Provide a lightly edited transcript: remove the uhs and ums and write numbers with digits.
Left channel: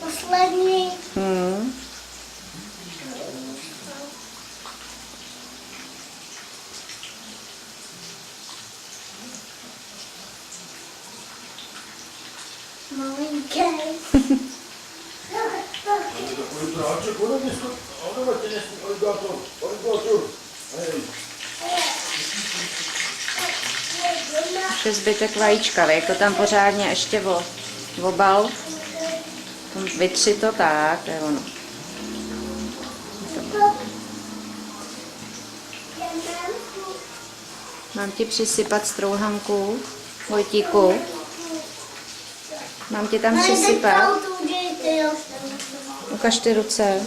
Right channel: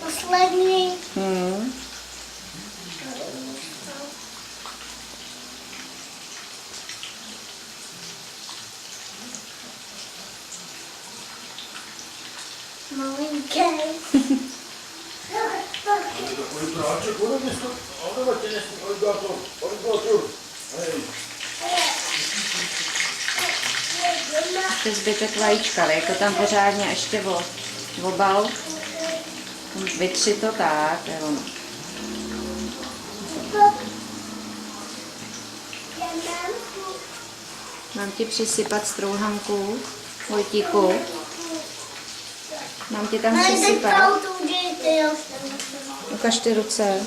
Poslední. Malinké. Ještě zbytek vajíčka, dej to tam pořádně ještě obal. Vytři to tak, je ono. Mám ti přisypat strouhanku, Vojtíku? Mám ti tam přisypat? Ukaž ty ruce.